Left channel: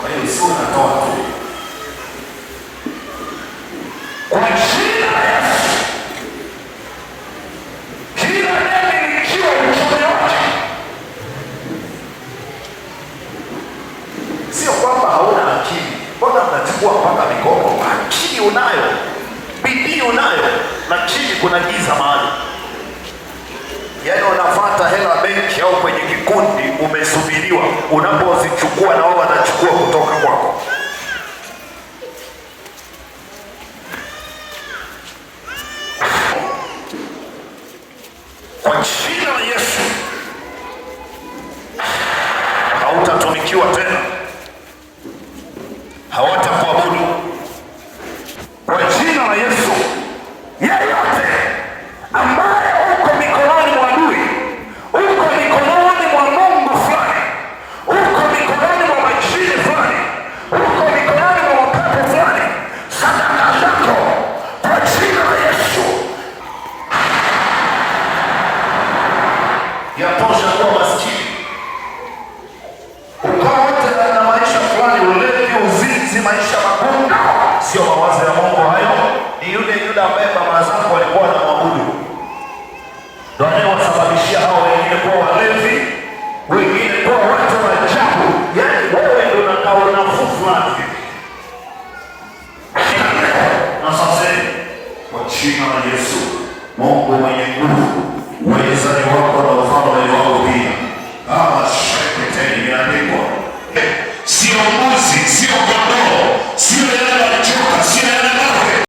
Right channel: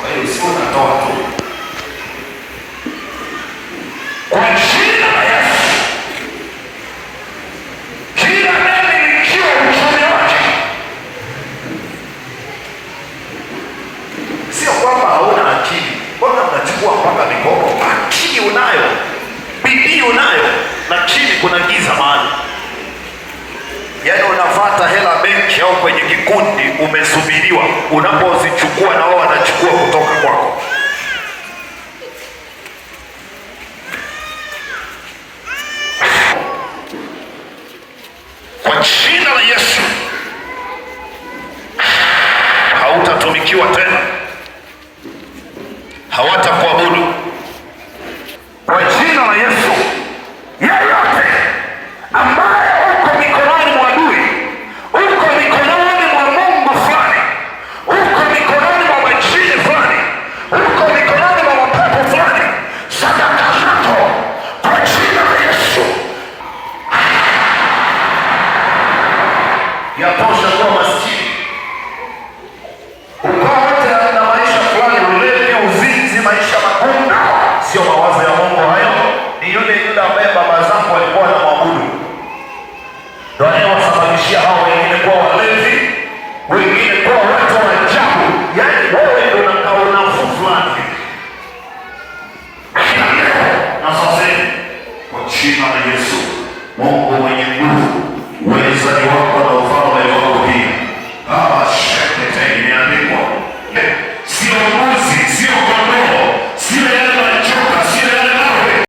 Kwa hiyo sio unatoa tu. Kwa jina la Yesu, kila anayemilikiwa uchumi wake, sio kwamba hauna akili. Mbona unachukua mpaka mikopo? Akili unayo, bidii unayo, lakini kuna giza mahali. Yaani unafuata hela benki au kwenye kikundi, umesubiriwa, unapozichukua na wao wanachukua kutoka kwako. Kwa jina la Yesu hautatumikiwa tena, hawatakuabudu. Kwa jina la Yesu, yeyote ambaye uko mikononi mwa adui, uko mikononi mwa Mungu fulani, uko mikononi mwa majini fulani, uko mikononi mwa mapepo fulani, sadaka zako kwa jina la Yesu yatosha kuwa maskini. Ukawa na maisha fulani, ulevi, uzinzi, maisha magumu, sio mawazo ya Mungu hayo. Ni yule ambaye baba zako walikuwa wanamwabudu ndio anayewasababishia hao wengine kuwa walevi, wengine kuwa watu wa ajabu. Yaani wewe ndio unataka nafuu fulani. Na sasa kwa jina la Yesu, Mungu mwenye nguvu, uweza